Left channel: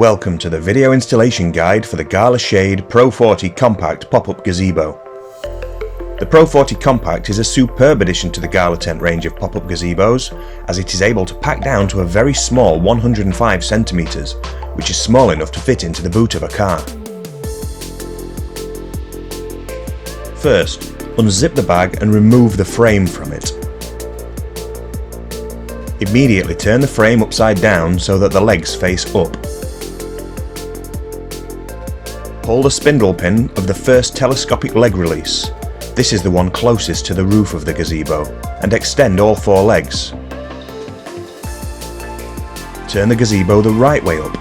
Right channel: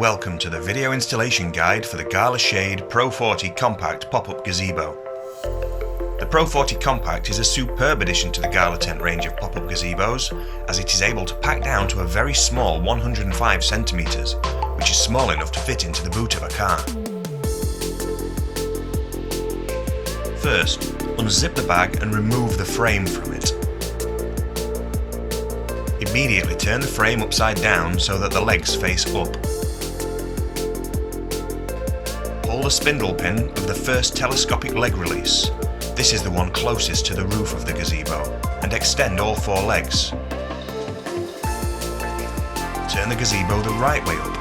Welcome to the video installation guide for the Gala Shade Pro 40 Compact pop-up gazebo. The Pro 40 Compact is a superb addition to the Gala Tent range of pop-up gazebos, as it is able to pack down to a very small 105 centimeters, which is small enough to fit into the boot of a car. First, unzip the bag and remove the frame from it. Immediately turn the frame upside down so that the legs face up. Pull the spindle pin of the first telescopic leg release. This is the one closest to the roof of the gazebo, and extend all four legs. Turn the gazebo the right way up.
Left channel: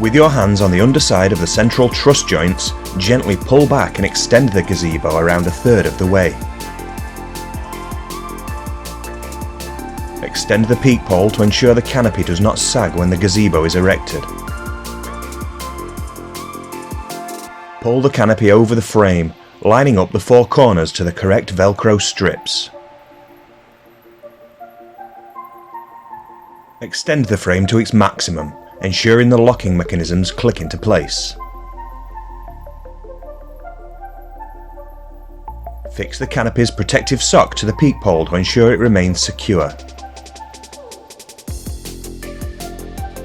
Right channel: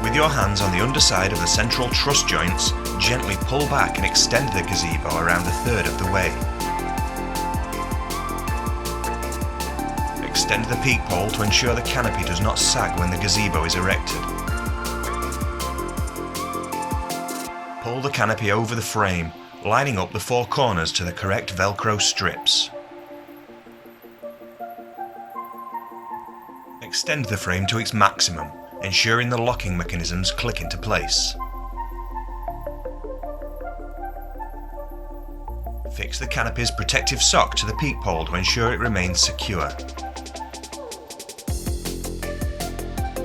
With your hands on the underside of the central truss joints, gently pull back and extend the gazebo around a third of the way. Extend the peak pole to ensure the canopy does not sag when the gazebo is erected. Pull the canopy over the frame, lining up the four corners to the correct Velcro strips. Extend the frame to its maximum, ensuring the locking mechanisms click into place. Fix the canopy's protective sock to the peak pole to ensure it remains secure.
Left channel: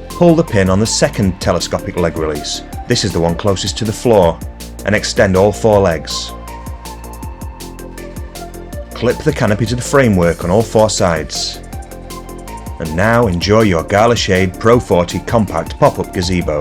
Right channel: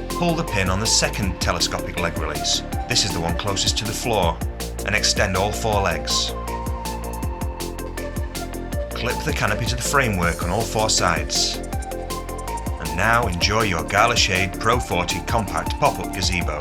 Pull the pin on the second telescopic leg release. This is the one closest to the floor, and extend all four legs. Clip the canopy to the framework on all four sides. And now enjoy your Gala Shade Pro 40 Compact pop-up gazebo.